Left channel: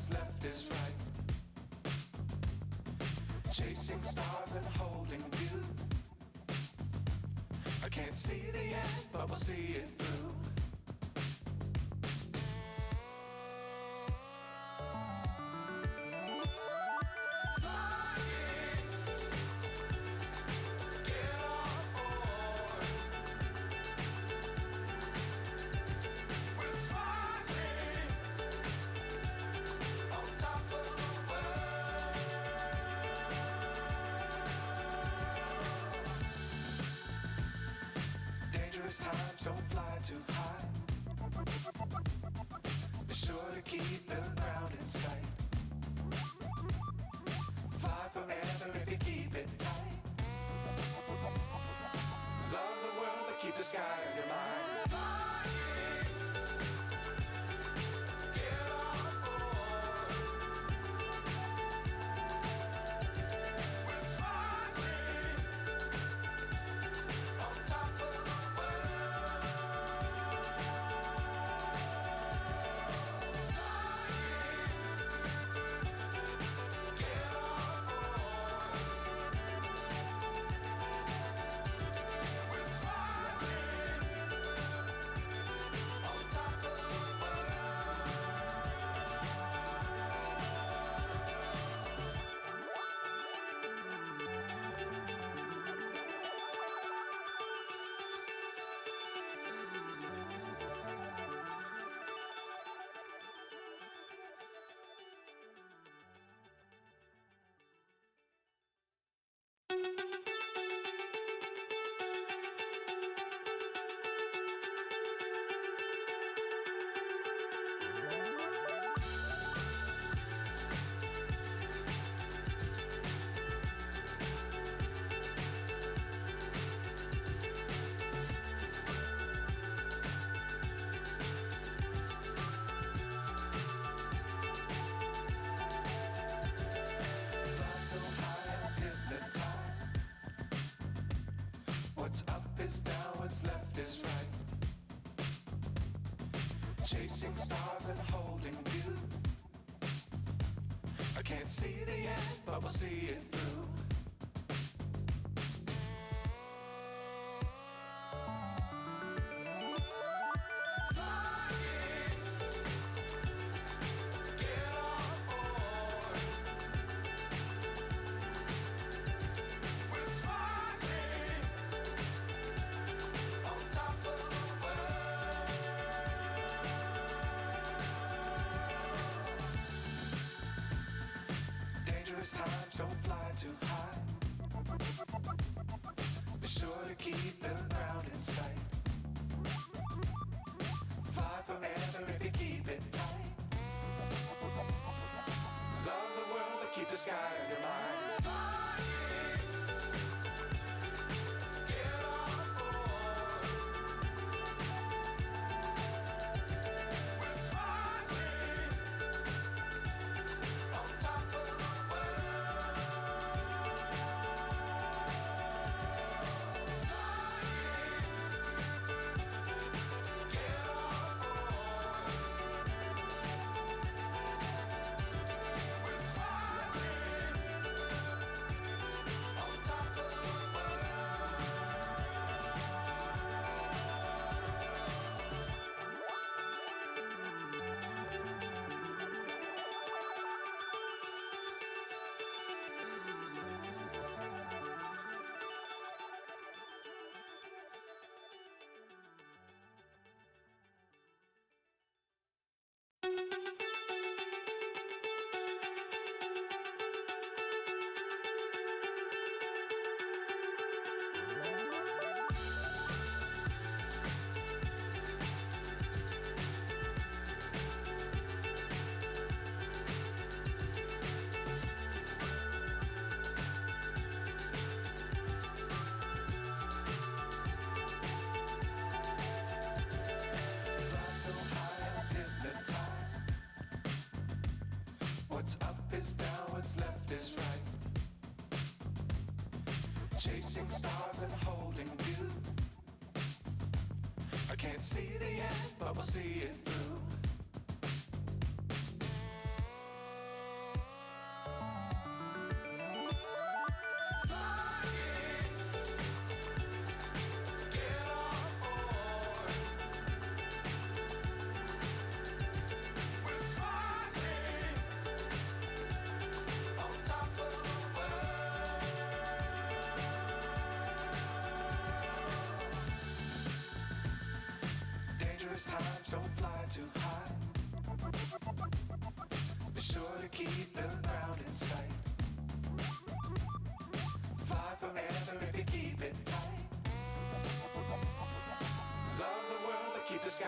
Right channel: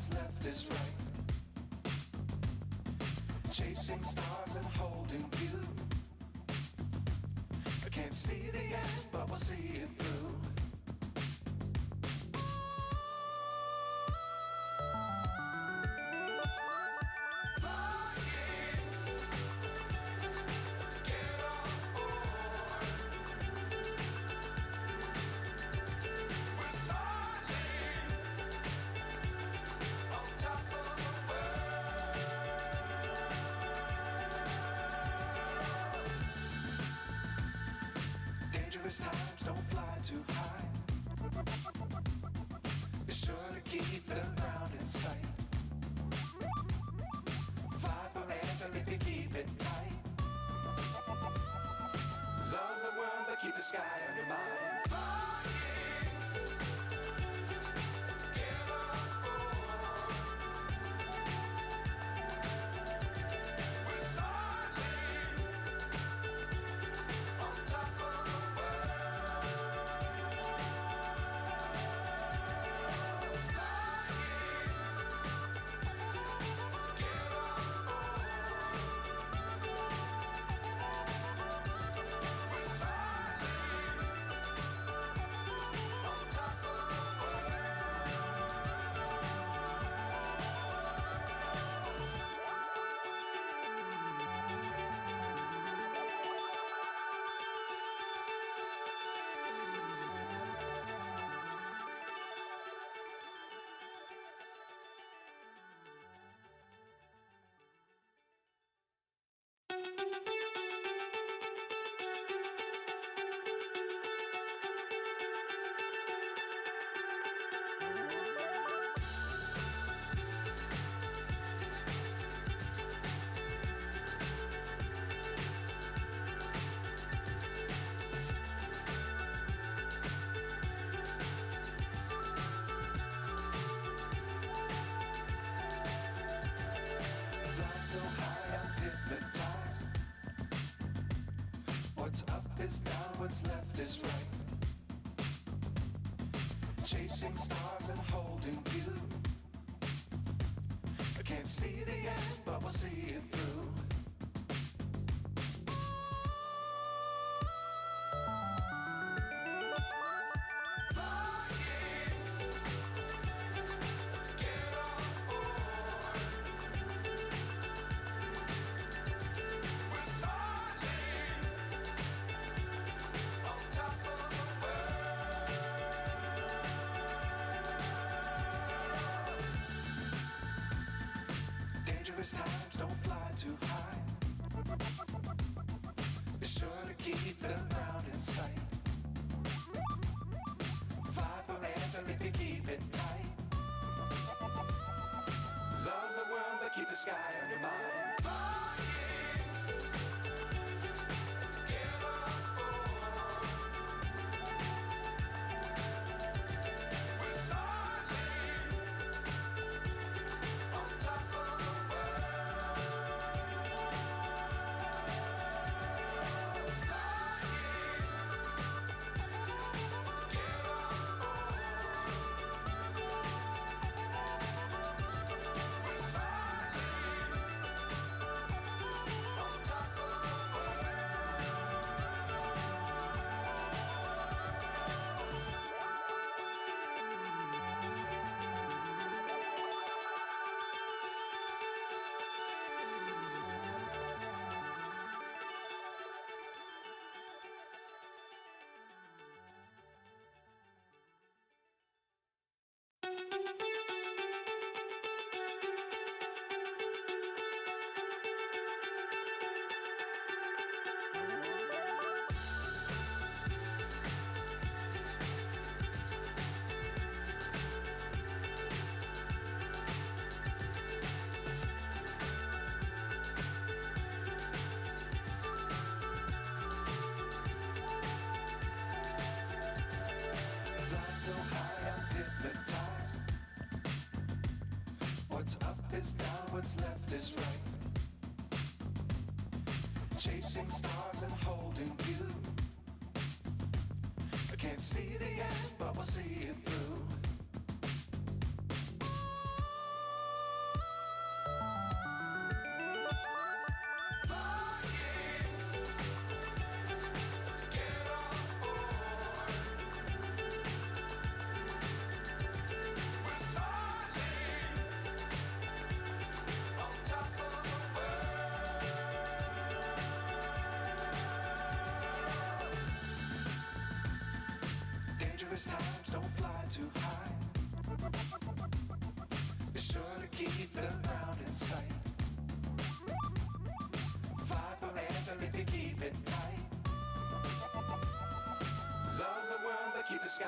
what's left is right. Chasing stars and holding you. I can't see the end, but we'll see it through. Times don't fly too high. Be sure to keep the ground in sight. Fly forever if you keep it tight. Love the world but keep the sky on your mind. So high I'm hypnotized. What's up is down, what's left is right. Chasing stars and holding you. I can't see the end, but we'll see it through. Times don't fly too high. Be sure to keep the ground in sight. Fly forever if you keep it tight. Love the world but keep the sky on your mind. So high I'm hypnotized. What's up is down, what's left is right. Chasing stars and holding you. I can't see the end, but we'll see it through. fly too high. Be sure to keep the ground in sight. Fly forever if you keep it tight. Love the world but keep the sky